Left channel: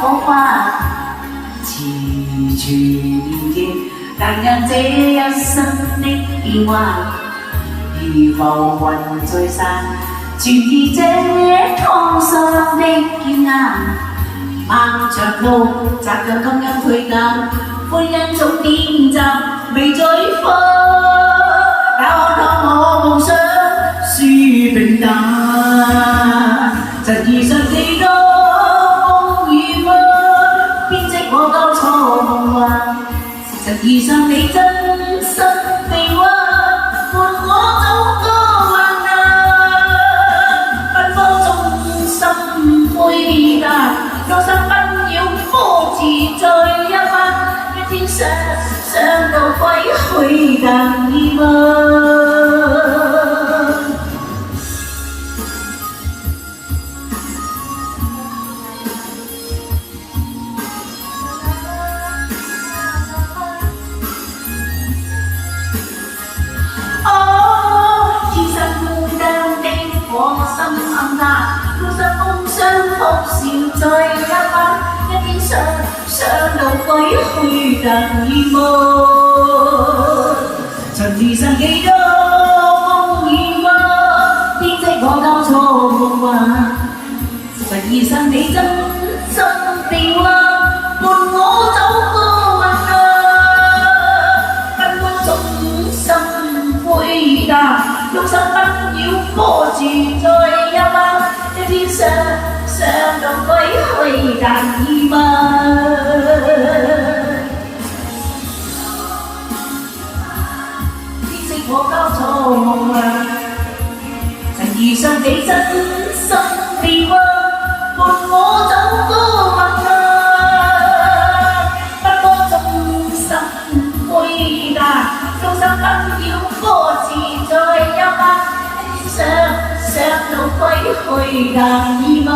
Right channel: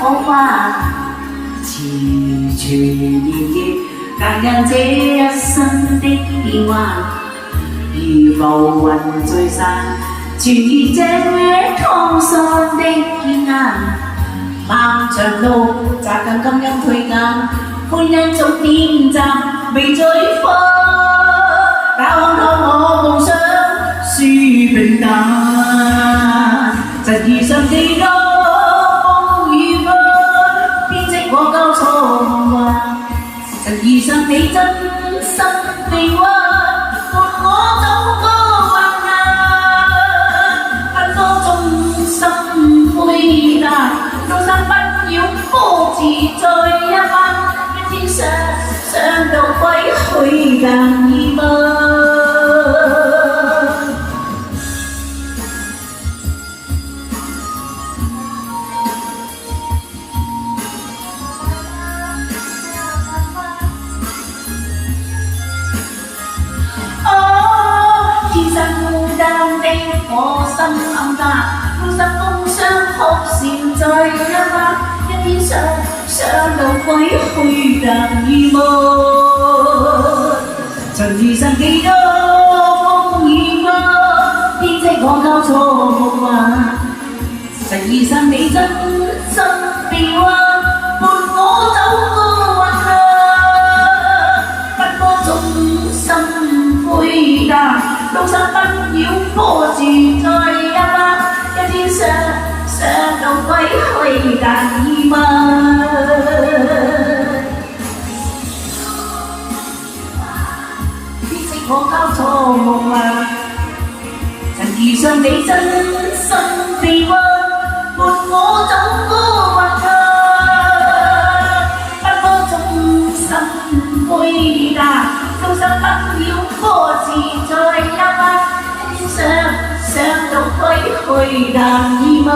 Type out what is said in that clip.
火花，遲住年月，感恩這一生的變幻，如浮雲聚散，傳意這滄桑的驕傲。漫長路，扎緊感恩推間，歡欣總點集，未再分。讓我夢想書平淡，實遇上幾多風雨分，編織我交錯夢幻。實遇上你真心臂彎，伴我走過患難。奔波中心灰淡，路上不要波自在一班。一天想到歸去更易嗎？天生孤單的我心暗淡，孤身工商哭笑在一班。一天想到歸去更易嗎？曾遇上幾多風雨嗎？編織我交錯夢幻，曾遇上你真心臂彎，伴我走過患難。奔波中心灰淡，路上不要波自在一班。一天想到歸去更易嗎？編織我交錯夢幻，曾遇上你真心臂彎，伴我走過患難。奔波中心灰淡，路上不要波自在一班。想到歸去更易嗎？